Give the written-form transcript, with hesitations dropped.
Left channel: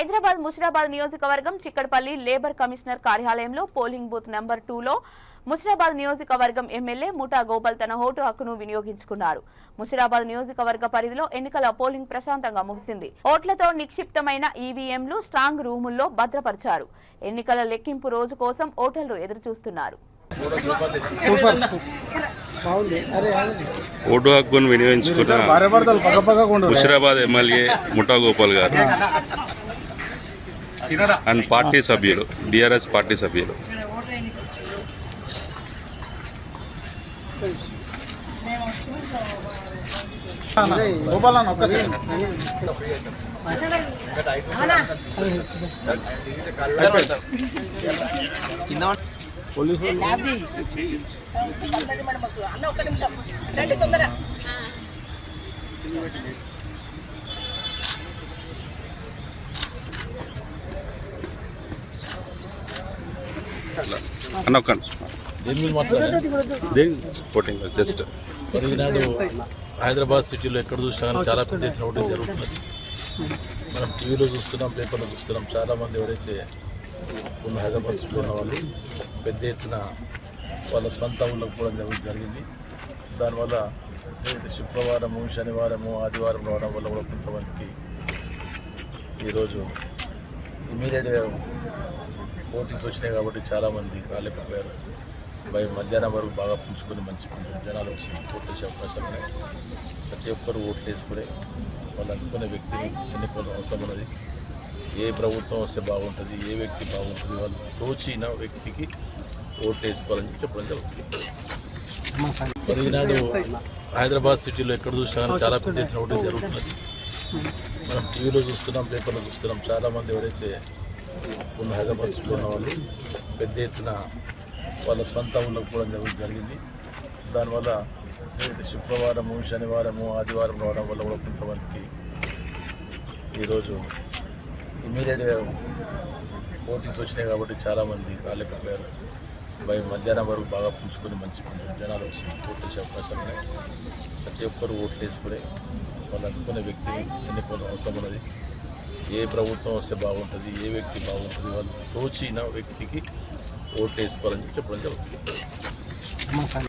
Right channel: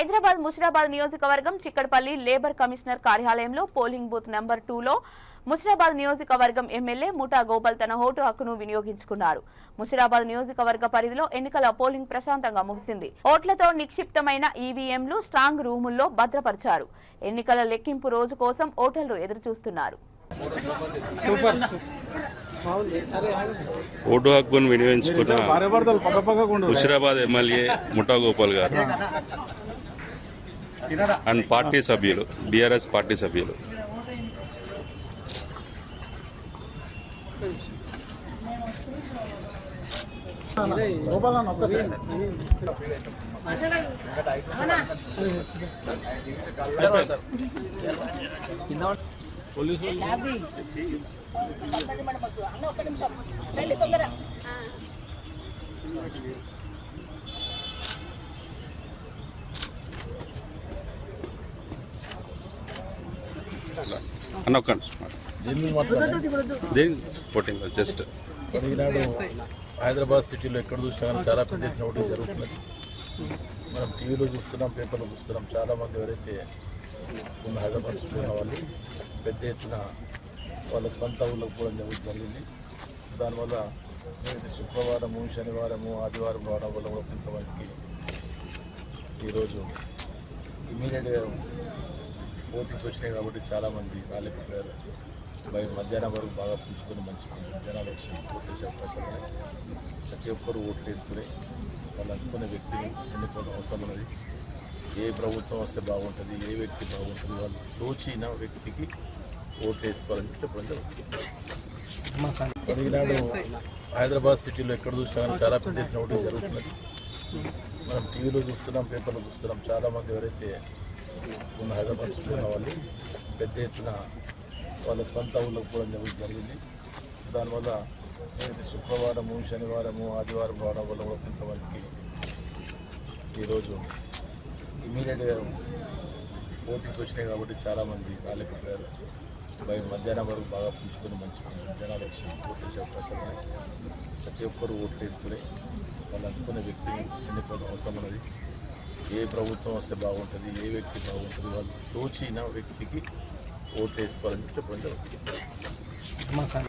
హైదరాబాద్ ముషిరాబాద్ నియోజకవర్గం Chikkadpally labour commissioner కార్యాలయంలో polling booth number 2లో ముషిరాబాద్ నియోజకవర్గం ఎమ్మెల్యే ముఠా గోపాల్ తన ఓటు హక్కును వినియోగించుకున్నారు. ముషిరాబాద్ నియోజకవర్గ పరిధిలో ఎన్నికల పోలింగ్ ప్రశాంతంగా ముగిసింది. ఓట్లతో నిక్షిప్తమైన ఈవీఎంలు స్ట్రాంగ్ రూముల్లో భద్రపరిచారు. ఎన్నికల లెక్కింపు రోజు కోసం ఓటర్లు ఎదురుచూస్తున్నారు. ఓటు హక్కును వినియోగించుకున్న ముషిరాబాద్ ఎమ్మెల్యే ముఠా గోపాల్ గారు అండ్ పార్టీ సభ్యులు టీఆర్ఎస్ పార్టీ సభ్యులు జస్ట్ ఈనాడు హైదరాబాద్ సిటీలో ఎక్కడ చూసినా చాలా పెద్ద ఎత్తున ఓటింగ్ జరుగుతుంది. మనం టీవీలో చూస్తున్నాం, పేపర్లో చూస్తున్నాం. చాలామంది ఎవరైతే ఉన్న హైదరాబాద్ సిటీలో ఉన్న వాళ్ళు పెద్ద ఎత్తున వాళ్ళ స్వంత ఊళ్ళకు కూడా జరిగింది. దానివల్ల శుక్రవారము, శనివారము, ఆదివారం రావడం వల్ల కూడా కొంతమందికి ఈరోజు ఇమీడియట్గా ఓటింగ్స్ వచ్చినాయి కాబట్టి చాలామంది రాలేకపోయారు. మధ్యాహ్నం వరకు బాగా పుంజుకొని మంచి జనాలు వచ్చి ఓట్లు వేసే అవకాశం ఉన్నాయి. ప్రతి ఒక్కరు ఓట్లు వేసుకుని వాళ్ళు అనుకునే వ్యక్తిని ఎన్నుకోవడం అవసరం ఉన్నది. ఏ ప్రభుత్వం వస్తే బాగుంటుంది, ఏ వ్యక్తి బాగుంటుంది, వాళ్ళు తోచిన వ్యక్తికి ఓట్లు వేసుకోవాలని చెప్పడం జరుగుతుంది. ఈనాడు హైదరాబాద్ సిటీలో ఎక్కడ చూసినా చాలా పెద్ద ఎత్తున ఓటింగ్ జరుగుతుంది. మనం టీవీలో చూస్తున్నాం, పేపర్లో చూస్తున్నాం. చాలామంది ఎవరైతే ఉన్న హైదరాబాద్ సిటీలో ఉన్న వాళ్ళు పెద్ద ఎత్తున వాళ్ళ స్వంత ఊళ్ళకు కూడా జరిగింది. దానివల్ల శుక్రవారము, శనివారము, ఆదివారం రావడం వల్ల కూడా కొంతమందికి ఈరోజు ఇమీడియట్గా ఓటింగ్స్ వచ్చినాయి కాబట్టి చాలామంది రాలేకపోయారు. మధ్యాహ్నం వరకు బాగా పుంజుకొని మంచి జనాలు వచ్చి ఓట్లు వేసే అవకాశం ఉన్నాయి. ప్రతి ఒక్కరు ఓట్లు వేసుకుని వాళ్ళు అనుకునే వ్యక్తిని ఎన్నుకోవడం అవసరం ఉన్నది. ఏ ప్రభుత్వం వస్తే బాగుంటుంది, ఏ వ్యక్తి బాగుంటుంది, వాళ్ళు తోచిన వ్యక్తికి ఓట్లు వేసుకోవాలని చెప్పడం జరుగుతుంది.